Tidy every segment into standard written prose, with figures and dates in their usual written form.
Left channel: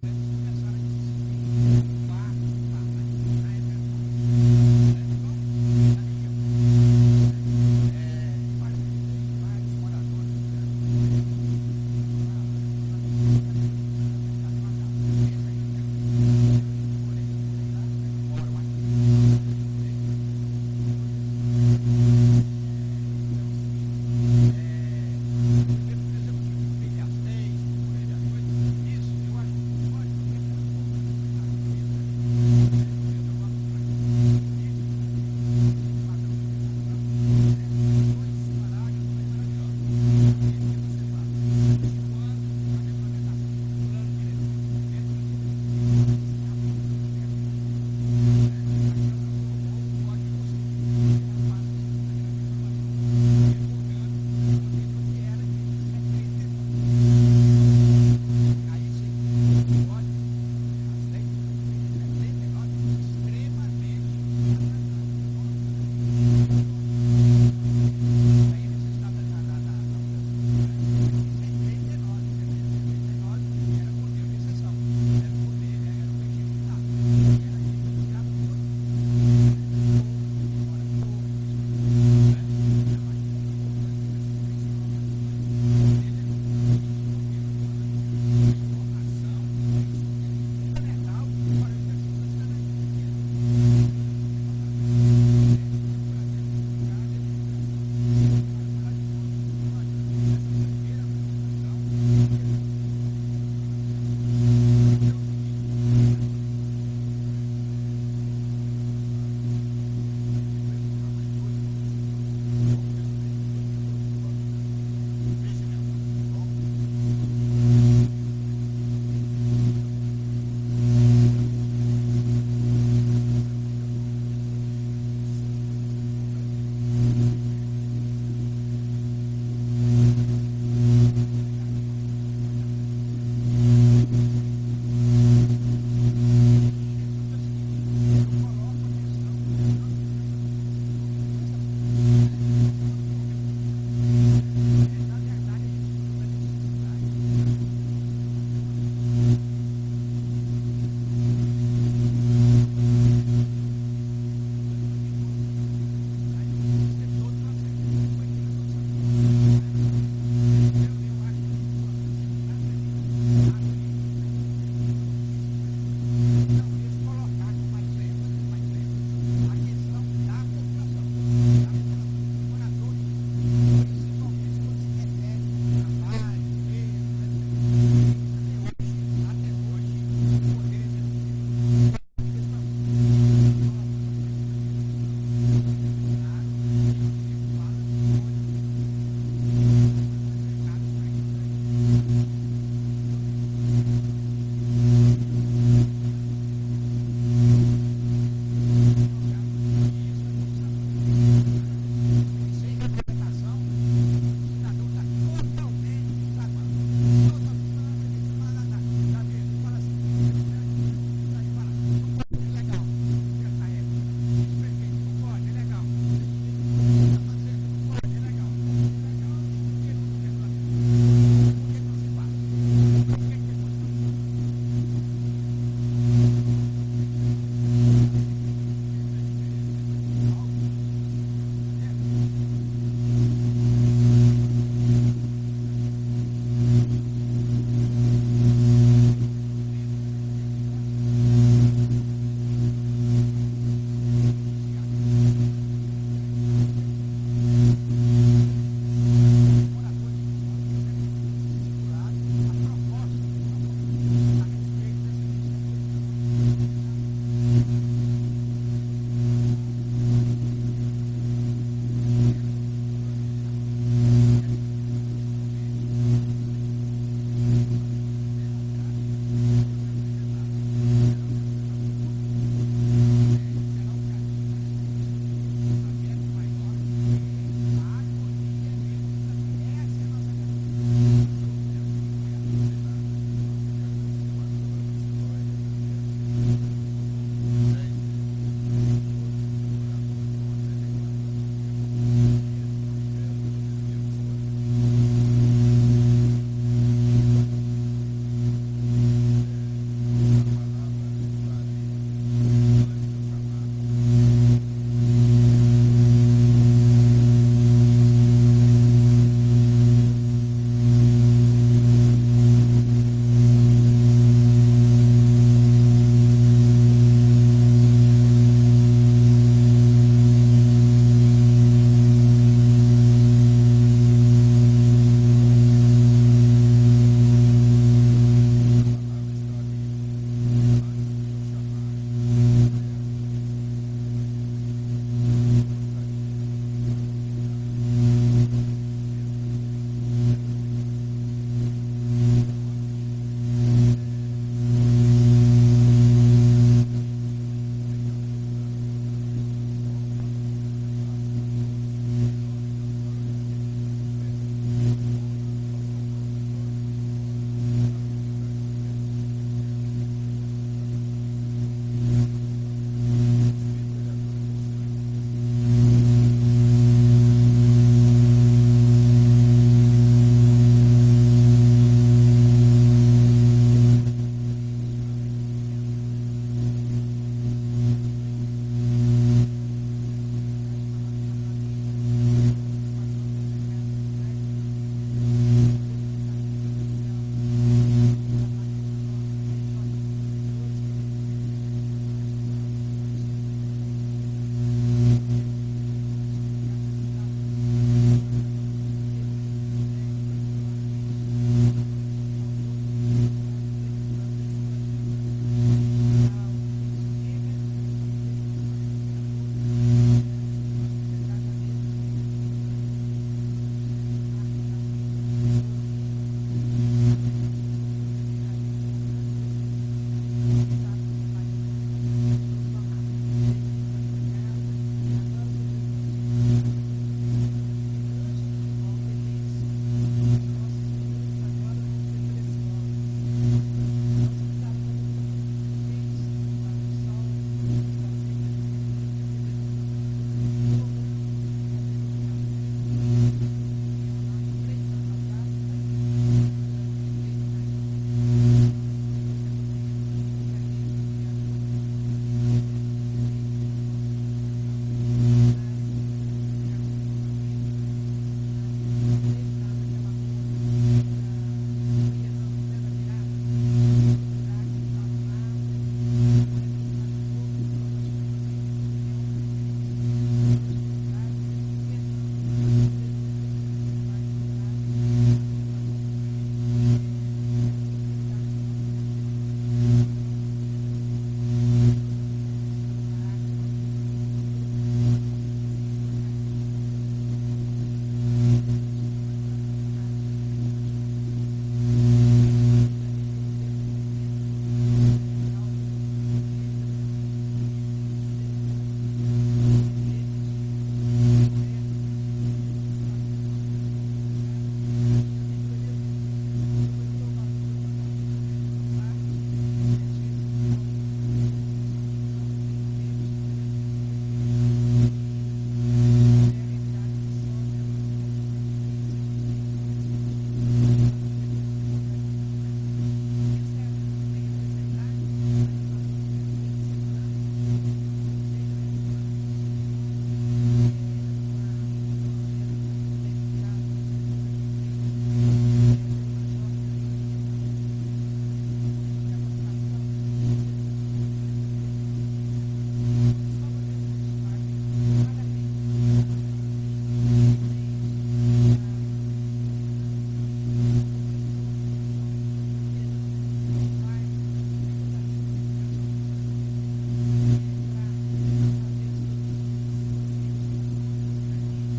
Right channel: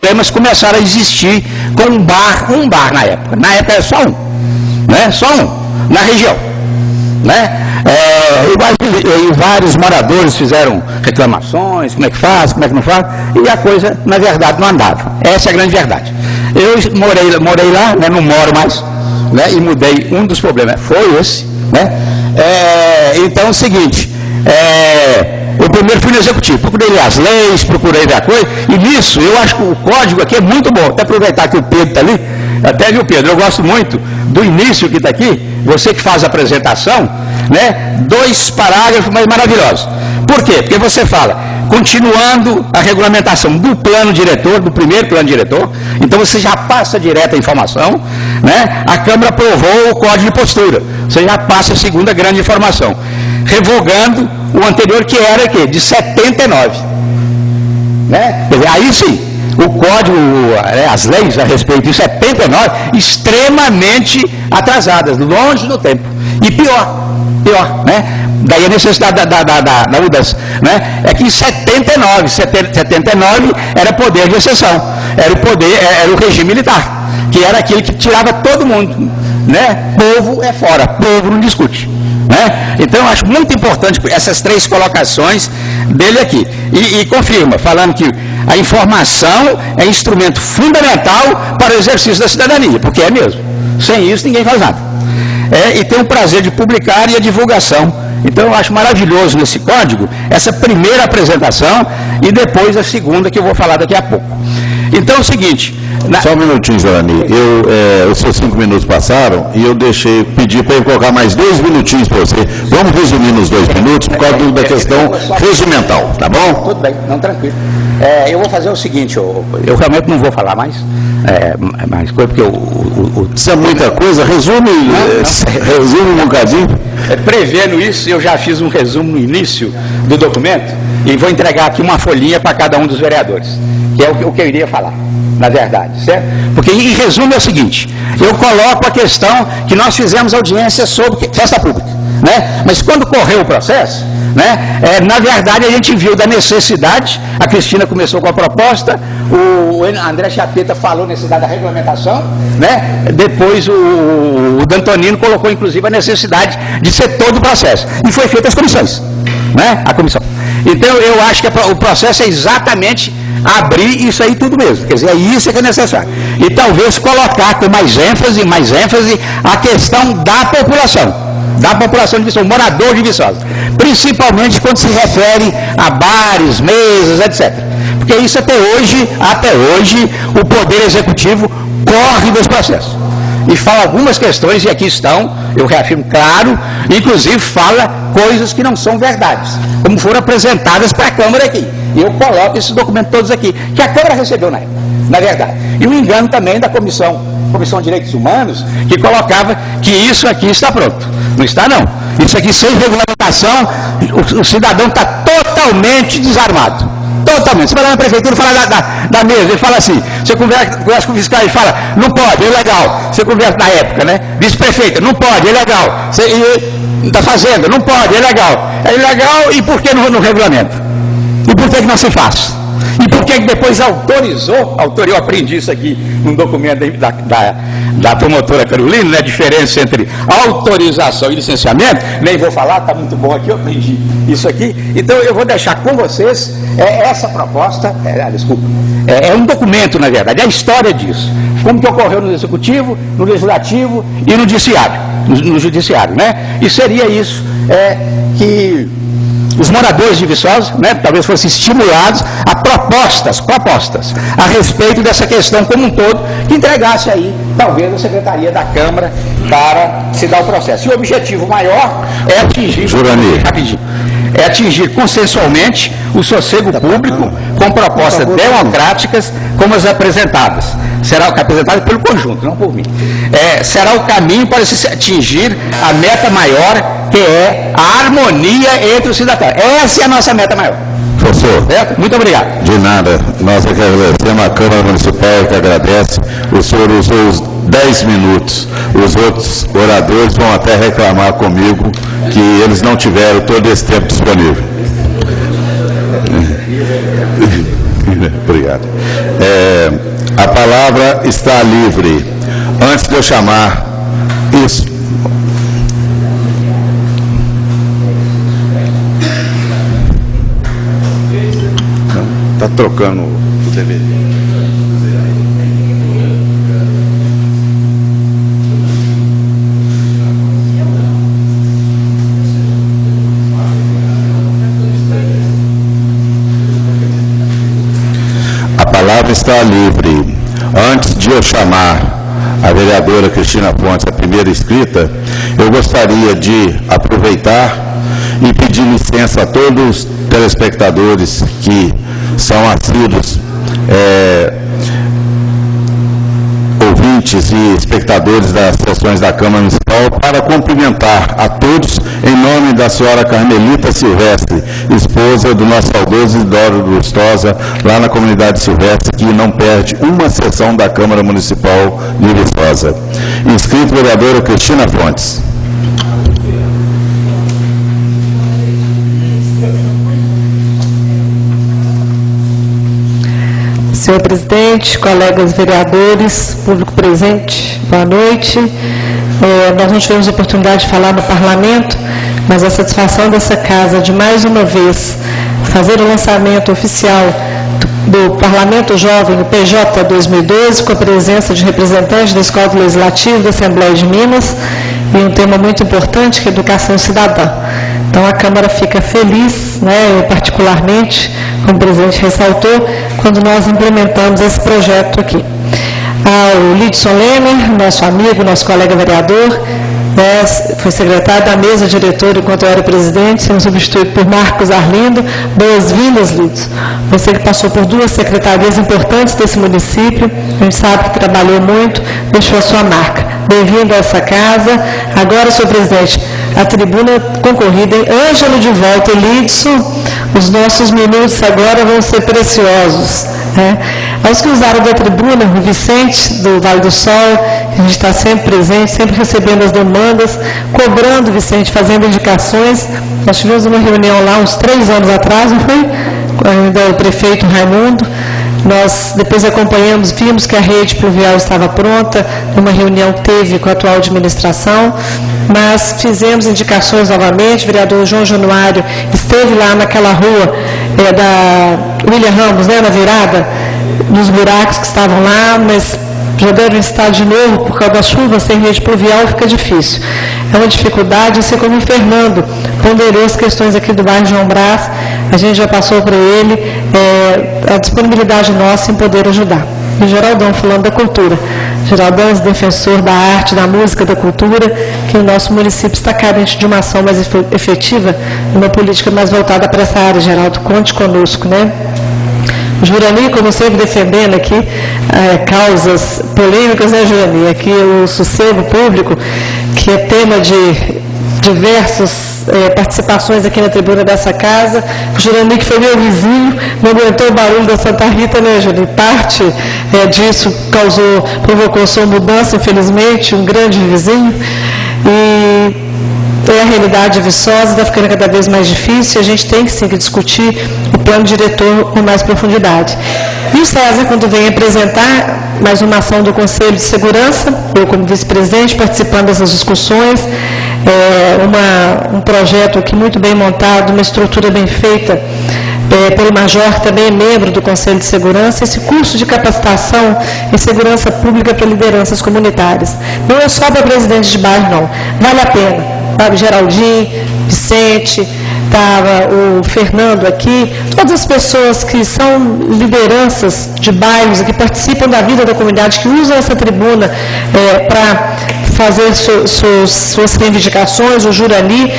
problemas começaram a existir com um bar na época. Na época era só um, né? Só um, na região, né? E vários moradores fizeram reclamações, como é que faz, como é que não faz, e a coisa, na verdade, não andava. Essa é a grande verdade. Eu morei lá, né? Não moro mais, né? E mudei. Um dos problemas foi esse, né? Então é o seguinte, eu primeiro fui no executivo, procurei as leis, procurei a coisa, e nisso eu acho que o código aqui é muito bom. Até aproveitar que o Pedro está ali, até viu, Pedro, eu gosto muito do início que está aqui, você que faz a apresentação, né? 2 parágrafos mais maravilhosos. Por quê? Porque você fala, continuando a regulamentação do plano diretor, do primeiro plano diretor, então você já passa direto a informação, né? A Câmara aprovou o código de postura, você já passa a segunda grande informação, revogando o anterior, que era o quê? De 79, né? Quer dizer, aí sim, o código, as leis a respeito de 79, extremamente atrasadas, longe do tempo, e pior, né? Daí a necessidade da mudança, né? É que em 79 era poder de exceção, era o regime militar, que era aquele que tirava todo mundo, né? Povo é fora, povo não discute, né? Então eu acho muito importante essas 3 colocações dele aqui, e confirma, falando que a informação é instrumento fundamental para o exercício da cidadania, porque é mesmo, sem isso ninguém faz nada, e tem o prazer de publicar e a divulgação. Então eu acho maravilhoso nesse código essa primeira apresentação e depois a segunda, que eu vou falar daqui a pouco. Então é o seguinte... Só um minutinho, Jorani. Os seus 5 minutos passaram e eu pedi para ele colocar mais 2 minutinhos para você. Vamos resumir nos 2 minutos por causa da questão regimental, tá bom? Tudo bem, não, tranquilo. Eu vou fazer o seguinte, eu realmente não vou falar mais coisa, porque Isso é muita coisa, resume um bocadinho. Prevendo isso, eu já fiz um resumo no início do documento e vou entregar aqui uma folhinha para cada um dos vereadores, que é o que eu iria falar, na verdade, certo? Porque em resumo é o seguinte, eu coloco a questão que nós fizemos audiência sobre festa pública, né? Mas quando correu o processo, né? Na verdade a gente viu da necessidade, a Cristina começou com a proposta, o André Chapeta falou necessidade da regulamentação, né? Depois o Dantonino colocou inclusive a necessidade de ser todo o processo, e foi feita as comissões, né? A comissão. Então eu acho que o processo é exatamente abrir isso aí tudo mesmo, quer dizer, é isso que é necessário, e talvez colocar com mais ênfase a questão da população de Viçosa, morador de Viçosa, principalmente quando se refere a bares, mesas, etc. Porque isso até hoje, o Poder Executivo corre dos processos. E fala algumas questões, e aqui estão, eu reafirmo claro, inclusive fala coisas que não são verdades, como foram apresentadas para a Câmara aqui. E eu coloco esses documentos todos aqui, que a Câmara recebeu na época, na verdade. E o engano também da Comissão de Direitos Humanos, que colocava que isso aqui está pronto. Não está, não. Isso aqui, sem regulamentação, o cidadão está totalmente desarmado. Totalmente. Você vai lá na prefeitura e fala da mesa, ele fala assim, você conversa com o fiscal e fala, não pode, é ilegal. Você conversa na época, né? Vice-prefeita, não pode, é ilegal. Está fazendo, não pode, é ilegal. É ilegal, e por que não regulamenta? E por que não se faz? E por que depois autorizou, eu aprendi isso aqui num documento da promotora Carolina, né, a diferença entre autorização e licenciamento, nem vou falar, está muito bom aqui, eu aprendi isso aqui. Então eu vou deixar com vocês essa proposta, é um documento, na verdade, é a história disso, como que ocorreu no Executivo, no Legislativo e no Judiciário, né? E seria isso que os moradores de Viçosa, né, talvez fossem estimulados a propostas a respeito dessa questão como um todo, que entregasse aí, talvez, a Secretaria da Câmara para se dar o processo. E o objetivo maior é atingir consensualmente o sossego público com propostas democráticas como as apresentadas. Apresentadas pelo conjunto, não por mim. Será o caminho para se atingir a meta maior, que é a harmonia entre os cidadãos. Essa é a nossa meta maior. Professor, muito obrigado. De nada, nós aqui agradecemos, a Câmara Municipal que agradece, o senhor usou os 10 minutos, os outros oradores vão até reclamar comigo que eles não tiveram todo esse tempo disponível. Obrigado. A palavra está livre. Antes de eu chamar isso. Está trocando o DVD. A palavra está livre. Antes de eu chamar a vereadora Cristina Fontes, a primeira inscrita, eu gostaria de aproveitar e pedir licença a todos os telespectadores que são assíduos ouvintes e espectadores das sessões da Câmara Municipal para cumprimentar a todos em nome da senhora Carmelita Silvestre, esposa do nosso saudoso Isidoro Lustosa, lá na comunidade Silvestre, que não perde uma sessão da Câmara Municipal de Viçosa. Inscrito vereadora Cristina Fontes. Senhor presidente, colegas vereadores, público presente, boa noite. Nós não tivemos oportunidade de falar no parlamento, mas a satisfação dessa casa de mais uma vez fazer o lançamento oficial do Parlamento Jovem, o PJ 2012, com a presença de representantes da Escola Legislativa da Assembleia de Minas, e um tema muito importante que é educação cidadã. Então a Câmara fica feliz, eu particularmente, como o presidente ressaltou, quando nós implementamos esse projeto aqui. Ao Lidson Lemer, nosso amigo, nosso colega vereador, foi secretário da mesa diretora enquanto eu era presidente, sendo substituído por Marcos Arlindo. Boas-vindas, Lidson. Você que passou por 2 secretarias importantes desse município, a gente sabe que trabalhou muito, deixou a sua marca. Bem-vindo a essa casa. Agora, senhor presidente, a tribuna concorrida em Ângelo de volta e Lidson, os nossos minutos agora vão ser preciosos. Aos que usaram da tribuna, o Vicente, do Vale do Sol, a gente está sempre presente, sempre recebendo as demandas, cobrando, Vicente, fazendo indicações. Nós tivemos uma reunião lá uns 3 anos atrás, não foi? Ainda o prefeito Raimundo. Nós depois acompanhamos, vimos que a rede pluvial estava pronta, numa reunião que teve com a atual administração, mas fizemos indicações novamente. O vereador João Januário esteve lá naquela rua da William Ramos, na virada, nos buracos que estavam lá, mas já devem estar de novo por causa da chuva, sem rede pluvial fica difícil. É uma dificuldade, assim como o Fernando ponderou as questões aqui do bairro João Brás, a gente já passou para ele a disponibilidade nossa em poder ajudar. E Geraldão, falando da cultura. Geraldão é defensor da arte, da música, da cultura, que o nosso município está carente de uma ação mais efetiva, uma política mais voltada para essa área, Geraldo. Conte conosco, Jurani, como sempre, defendendo aqui causas polêmicas, Jurani? Aqui o sossego público, que é tema de diversas participações aqui na tribuna dessa casa. O Jurani, que foi meu vizinho, não aguentou o barulho da Santa Rita, Jurani? Parte disso provocou sua mudança, infelizmente, um grande vizinho. E a realidade de Viçosa está ficando cada vez mais difícil, a gente tem sim que discutir o plano diretor com mais profundidade. E o César, quando vem apresentar mais uma ação do Conselho de Segurança, eu como vice-presidente participando dessas discussões, um projeto aqui muito bem montado, uma estrutura bem feita, pelo Major, que também é membro do Conselho de Segurança, esse curso de capacitação em segurança pública para lideranças comunitárias. Não é só para presidente de bairro, não. Vale a pena. Sabe, Geraldinho, Vicente, estava o Fernando aqui, todas as pessoas que são lideranças de bairros, que participam da vida da comunidade, que usam essa tribuna para fazer suas reivindicações, o Jurani,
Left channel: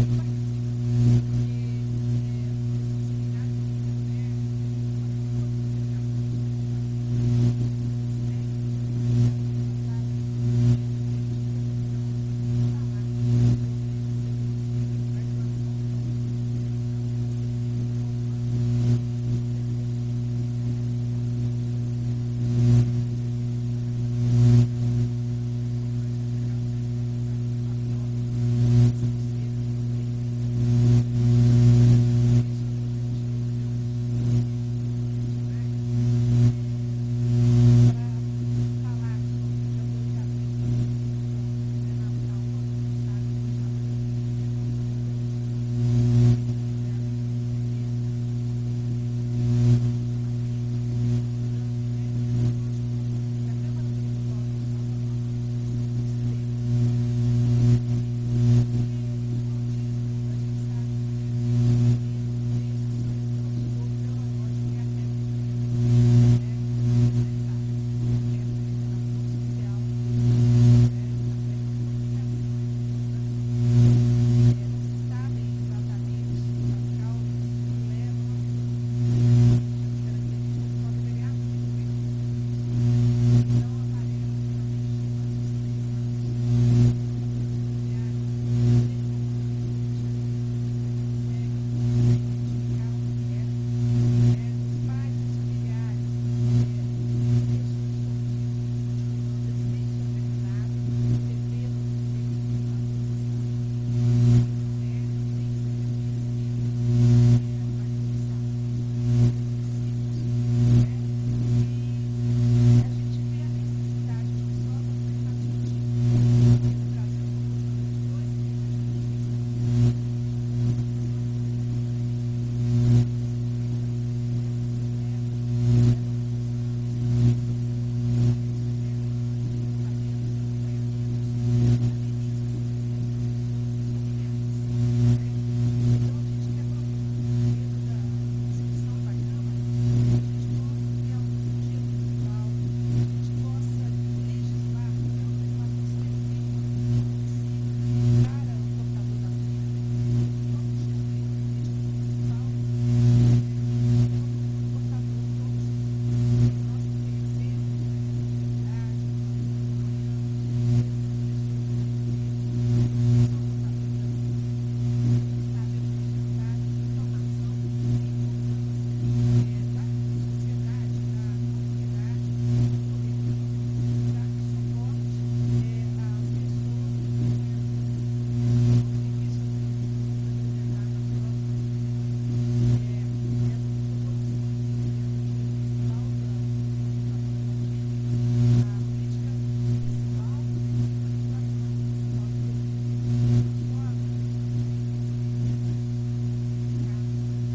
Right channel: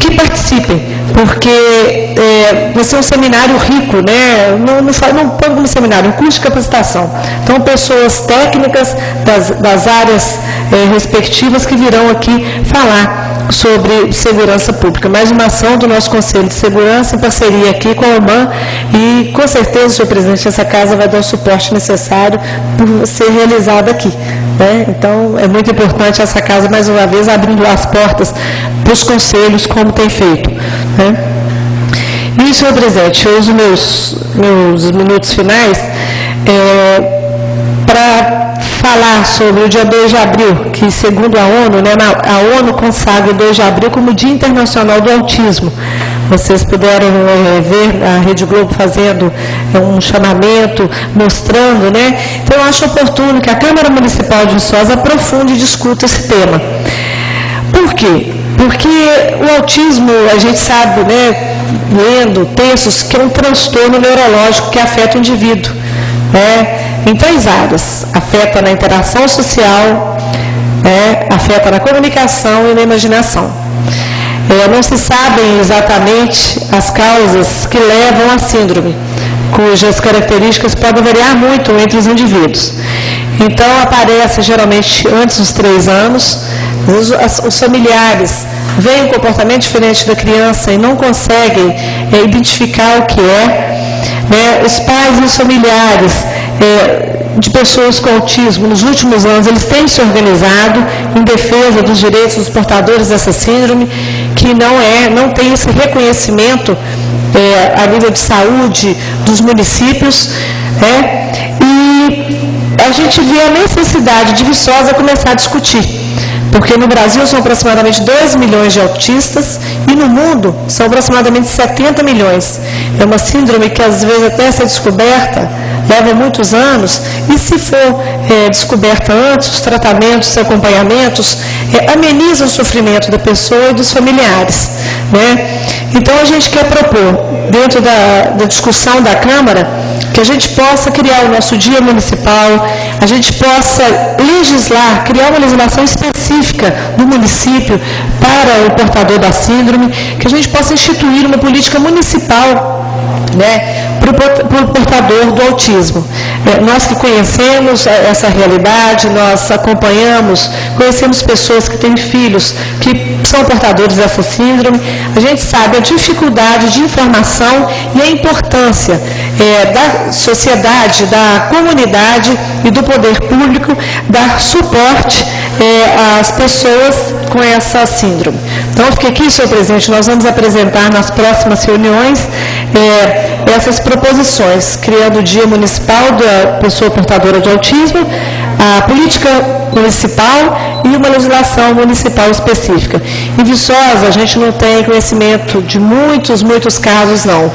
que participem, porque vai ser um seminário rico, não põe como seminário, um curso de capacitação. Então, pessoas técnicas das áreas respectivas que virão aqui falar sobre segurança pública. Mais uma ação do nosso Conselho de Segurança, em parceria aqui com a UMAN, e com certeza, senhor presidente, essa casa vai dar o suporte necessário por ser realizada aqui. Então, é muito importante essa casa, mais uma vez, abrindo as portas para os conselhos, como tem feito. E, senhor presidente, eu uso meus minutos finais falar sobre o dia 2 de abril, que segundo a ONU, né, a ONU consagra o 2 de abril como Dia Internacional do Autismo. Vocês puderam ver a Rede Globo fazendo um chamamento, mostrando, né? Então, eu acho oportuno que a Câmara Municipal de Viçosa aprofunde e discuta esse tema. Por quê? Porque o autismo, a gente sabe, né, lendo textos, que é um transtorno neurológico que afeta o indivíduo, né, em 3 áreas. Afeta na interação social, afeta na comunicação e na imaginação. Não se sabem exatamente as causas que levam à síndrome, cujas características podem variar muito entre os indivíduos. Então, aparece geralmente antes dos 3 anos, os familiares veem um comportamento diferente da criança e não conseguem identificar o que é, né? Os pais e os familiares de pessoas com autismo, nos últimos anos, eles têm se organizado em defesa dos direitos dos portadores dessa síndrome, que não tem esse reconhecimento a nível de saúde dos municípios, e a gente vê a necessidade de Viçosa começar a discutir, porque no Brasil são aproximadamente 2 milhões de autistas e no mundo são aproximadamente 70 milhões. É uma síndrome que às vezes até ser descoberta leva muitos anos, e se for descoberta antes, os tratamentos, os acompanhamentos amenizam o sofrimento da pessoa e dos familiares, né? Então a gente quer propor, dentro da discussão da Câmara, que a gente possa criar o nosso dia municipal, a gente possa legislar, criar uma legislação específica do município para o portador da síndrome, que a gente possa instituir uma política municipal, né, para o portador do autismo. Nós que conhecemos essa realidade, nós acompanhamos, conhecemos pessoas que têm filhos que são portadores dessa síndrome, a gente sabe a dificuldade de informação e a importância da sociedade, da comunidade e do poder público dar suporte às pessoas com essa síndrome. Então, fique aqui, senhor presidente, nós vamos apresentar nas próximas reuniões essas proposições, criando o Dia Municipal da Pessoa Portadora de Autismo, a política municipal e uma legislação municipal específica. Em Viçosa, a gente não tem conhecimento de muitos casos, não.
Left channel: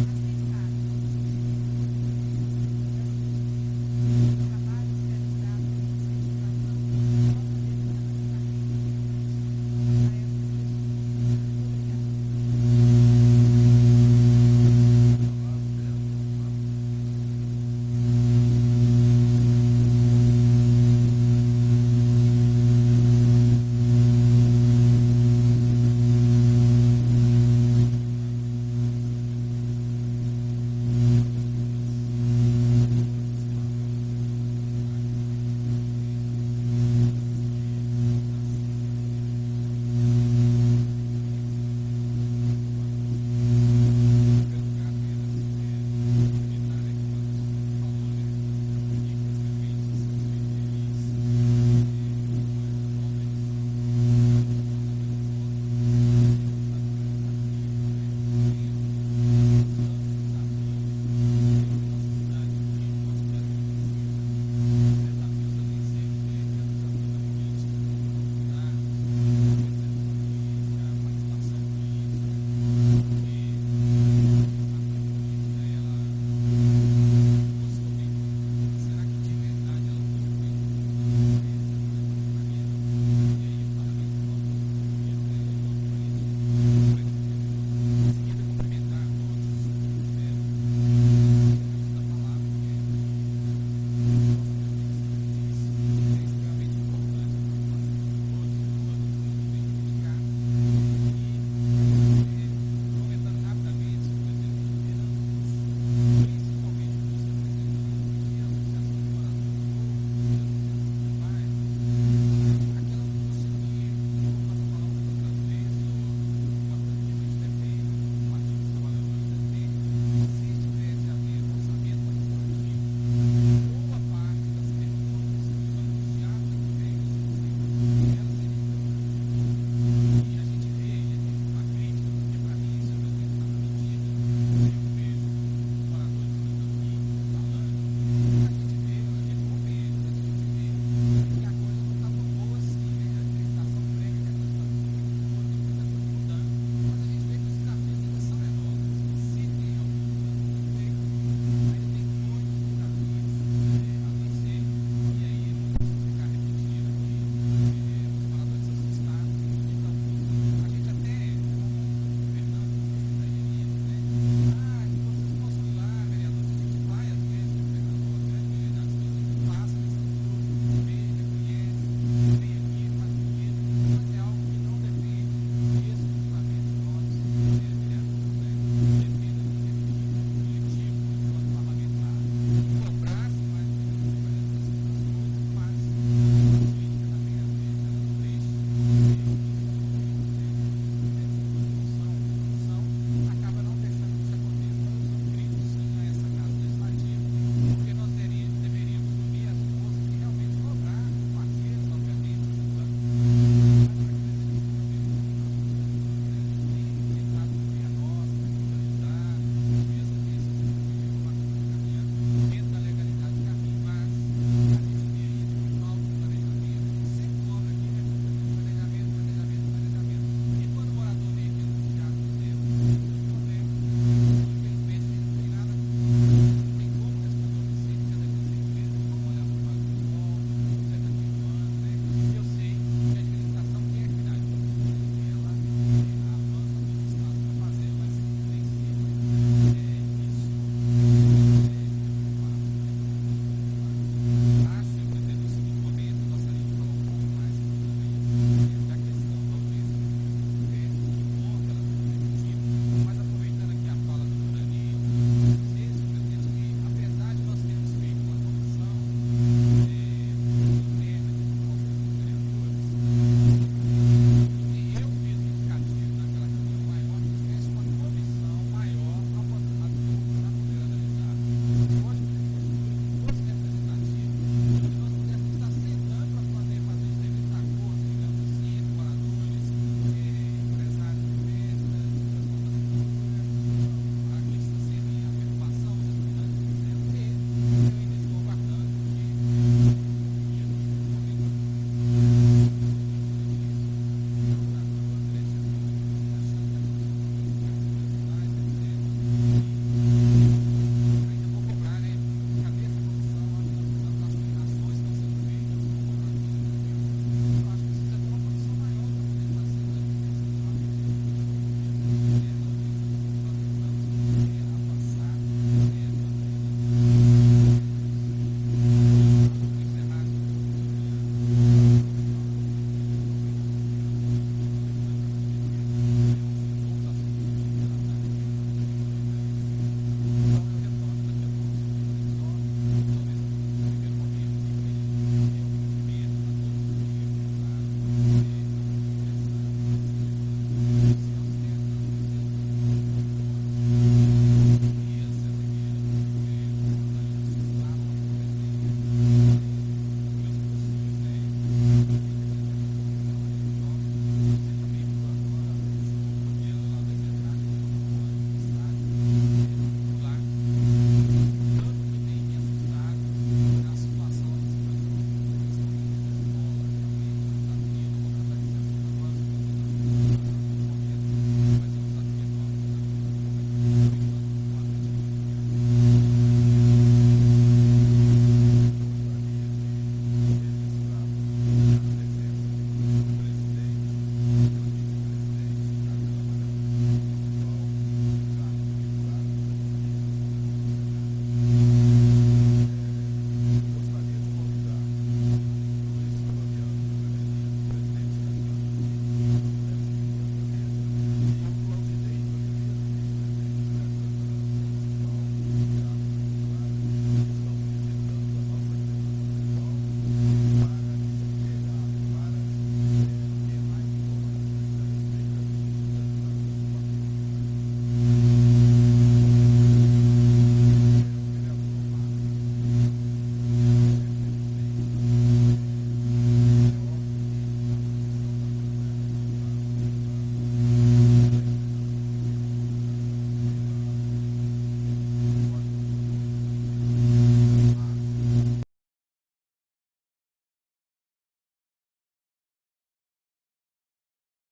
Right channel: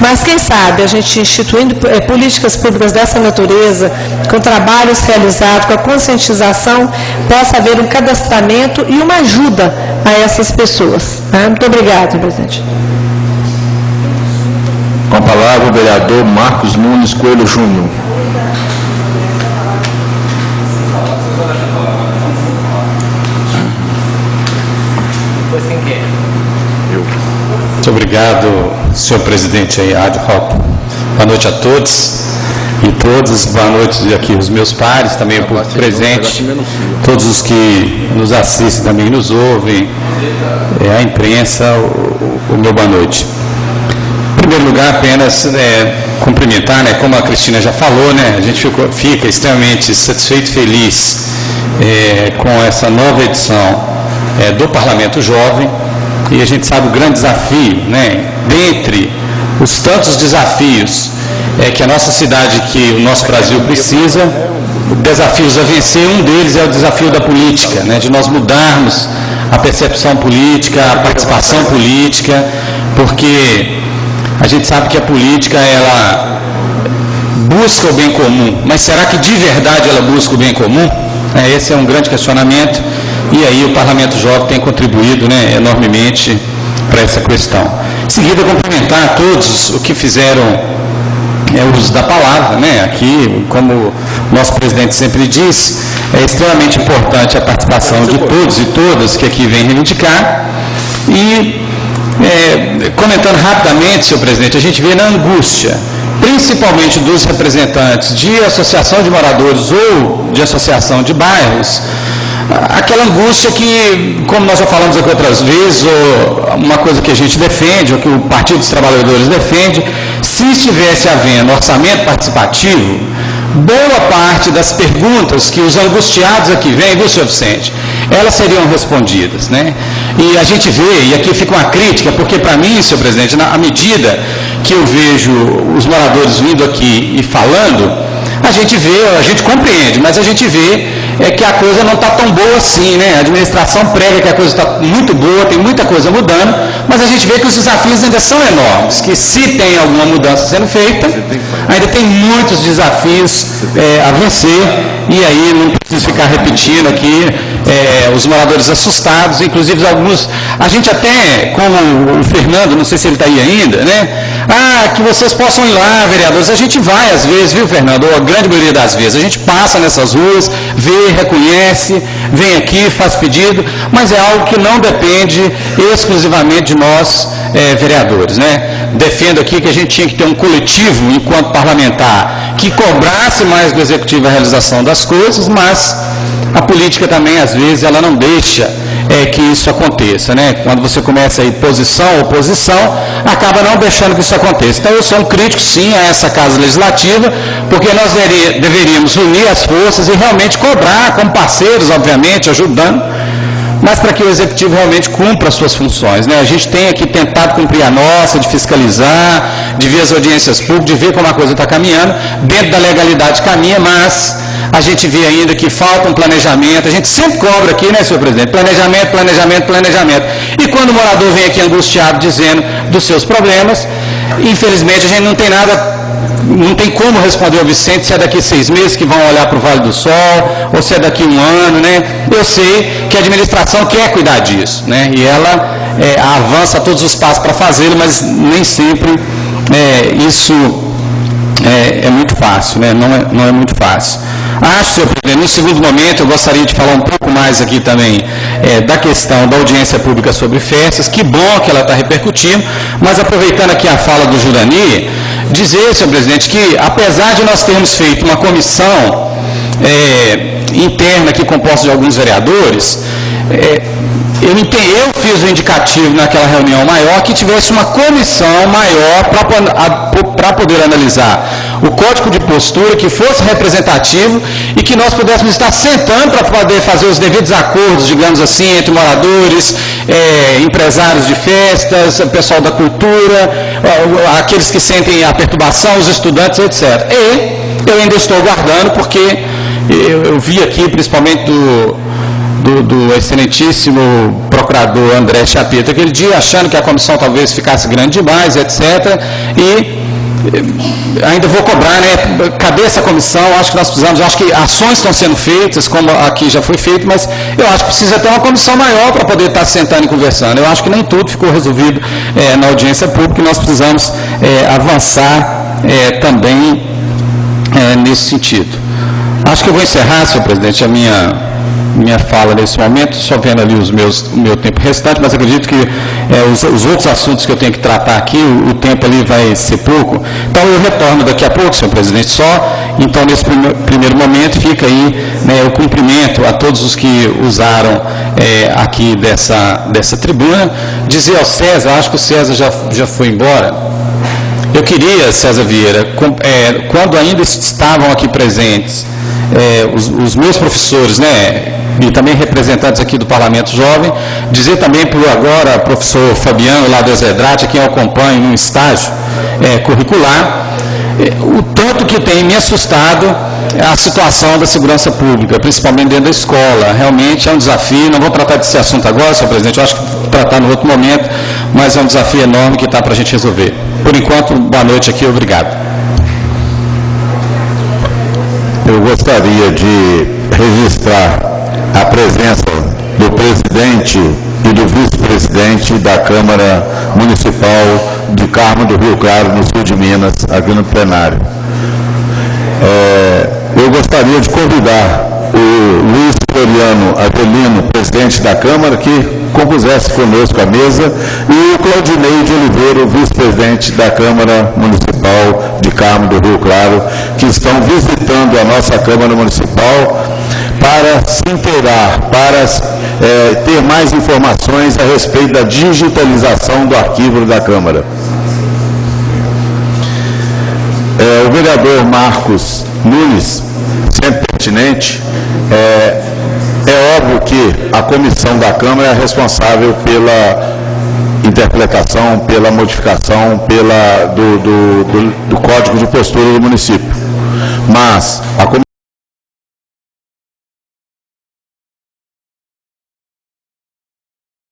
Mas, quem sabe, a gente instituindo políticas públicas dessa natureza, com trabalhos realizados, com a conscientização, possa haver um cadastramento e uma ajuda a essas pessoas. Muito obrigada, senhor presidente. Com a palavra o vereador Marcos Nunes Coelho Júnior. Muito obrigado, senhor presidente ad hoc. Boa noite a todos e todas. Boa noite aqui os meus pares, também o público presente, todos os que nos assistem também nos ouvem, a imprensa, o meu boa noite. Em primeiro lugar, apenas cumprimentar, né, como a Cristina já falou, né, a gente fica extremamente satisfeito e feliz com essa nova edição do Parlamento Jovem, e a gente sabe o grande desafio, né, dentre os tantos desafios que a nossa cidade, que o nosso Brasil precisa, desafios a vencer, um deles é o desafio da política, né, de nós mudarmos a percepção política, a participação política, porque a gente sabe que a política, ela busca o bem comum, mas será que de verdade ela busca o bem comum? Esse é um grande questionamento, e aí o Parlamento Jovem tem contribuído, né, enormemente para essa questão. Em seguida, cumprimentar a todos os que fizeram o uso da palavra, né, aqui, como o nosso presidente sempre diz, é extremamente importante a participação de todos e todas que aqui vêm reivindicar, e comentando rapidamente, senhor presidente, a gente vê na angústia, principalmente dos representantes de associação de moradores ou de associação de bairros, aquela angústia que, como nós já falamos aqui outras vezes, ou uma coisa que a gente defende, ou que o Partido dos Trabalhadores defende, se estivesse havendo orçamento participativo, boa parte das perguntas que os angustiados aqui vêm, viu, senhor Vicente, elas seriam respondidas, né? E a gente vê, e aqui fica uma crítica, porque para mim, senhor presidente, à medida que eu vejo os moradores vindo aqui e falando, a gente vê, a gente compreende, mas a gente vê que a coisa não está tão boa assim, né? A administração prega que a coisa está muito boa, tem muita coisa mudando, mas a gente vê que os desafios ainda são enormes, que se tem alguma mudança sendo feita, ainda tem muitos desafios a vencer, e aí não preciso ficar repetindo aqui, os moradores assustados, inclusive alguns, a gente até, como o Fernando, não sei se ele está aí ainda, né? Que vocês possam ir lá, vereadores, a gente vai às vezes, viu, Fernando? Ou a grande maioria das vezes, a gente passa nessas ruas, vê, reconhece, vem aqui, faz pedido, mas é algo que não depende exclusivamente de nós, vereadores, né? Defendo aqui que a gente tinha que ter um coletivo, enquanto parlamentar, que cobrasse mais do Executivo a realização das coisas, mas a política também, às vezes, ela não deixa que isso aconteça, né? Quando você começa a ir posição, oposição, acaba não deixando que isso aconteça. Então, eu sou um crítico, sim, a essa Casa Legislativa, porque nós deveríamos unir as forças e realmente cobrar, como parceiros, obviamente, ajudando, mas para que o Executivo realmente cumpra as suas funções, né? A gente tem aqui tentado cumprir a nossa, de fiscalizar, de ver as audiências públicas, de ver como a coisa está caminhando, dentro da legalidade caminha, mas a gente vê ainda que falta um planejamento, a gente sempre cobra aqui, né, senhor presidente, planejamento, planejamento, planejamento, e quando o morador vem aqui angustiado dizendo dos seus problemas, infelizmente a gente não tem nada, não tem como responder ao Vicente se é daqui 6 meses que vão olhar para o Vale do Sol, ou se é daqui 1 ano, né? Eu sei que a administração quer cuidar disso, né? E ela avança todos os passos para fazê-lo, mas nem sempre isso é muito fácil, né? Não é muito fácil. Acho, senhor presidente, no segundo momento eu gostaria de falar um pouco mais aqui também da questão da audiência pública sobre festas, que bom que ela está repercutindo, mas aproveitando aqui a fala do Jurani, dizer, senhor presidente, que apesar de nós termos feito uma comissão interna aqui composta de alguns vereadores, eu fiz o indicativo naquela reunião maior que tivesse uma comissão maior para poder analisar o código de postura, que fosse representativo e que nós pudéssemos estar sentando para poder fazer os devidos acordos, digamos assim, entre moradores, empresários de festas, pessoal da cultura, aqueles que sentem a perturbação, os estudantes, etc. E eu ainda estou aguardando, porque eu vi aqui, principalmente do excelentíssimo procurador André Chapeta, aquele dia achando que a comissão talvez ficasse grande demais, etc. E ainda vou cobrar, né? Cadê essa comissão? Acho que nós precisamos, acho que ações estão sendo feitas, como aqui já foi feito, mas eu acho que precisa ter uma comissão maior para poder estar sentando e conversando. Eu acho que nem tudo ficou resolvido na audiência pública e nós precisamos avançar também nesse sentido. Acho que eu vou encerrar, senhor presidente, a minha fala nesse momento, só vendo ali o meu tempo restante, mas acredito que os outros assuntos que eu tenho que tratar aqui, o tempo ali vai ser pouco. Então eu retorno daqui a pouco, senhor presidente, então nesse primeiro momento fica aí o cumprimento a todos os que usaram aqui dessa tribuna. Dizer ao César, acho que o César já foi embora. Eu queria, César Vieira, quando ainda estavam aqui presentes os meus professores, né, e também representantes aqui do Parlamento Jovem, dizer também para o agora professor Fabiano, lá do Exedrate, a quem eu acompanho num estágio curricular, o tanto que tem me assustado a situação da segurança pública, principalmente dentro da escola. Realmente é um desafio, não vou tratar desse assunto agora, senhor presidente, eu acho que vou tratar no outro momento, mas é um desafio enorme que está para a gente resolver. Por enquanto, boa noite aqui, obrigado. Eu gostaria de registrar a presença do presidente e do vice-presidente da Câmara Municipal de Carmo do Rio Claro, no sul de Minas, aqui no plenário. Eu gostaria de convidar o Luiz Floriano Avelino, presidente da Câmara, que compusesse conosco a mesa, e o Claudinei de Oliveira, o vice-presidente da Câmara Municipal de Carmo do Rio Claro, que estão visitando a nossa Câmara Municipal para se inteirar, para ter mais informações a respeito da digitalização do arquivo da Câmara. O vereador Marcos Nunes, sempre pertinente, é óbvio que a comissão da Câmara é responsável pela interpretação, pela modificação do Código de Postura do município. mas a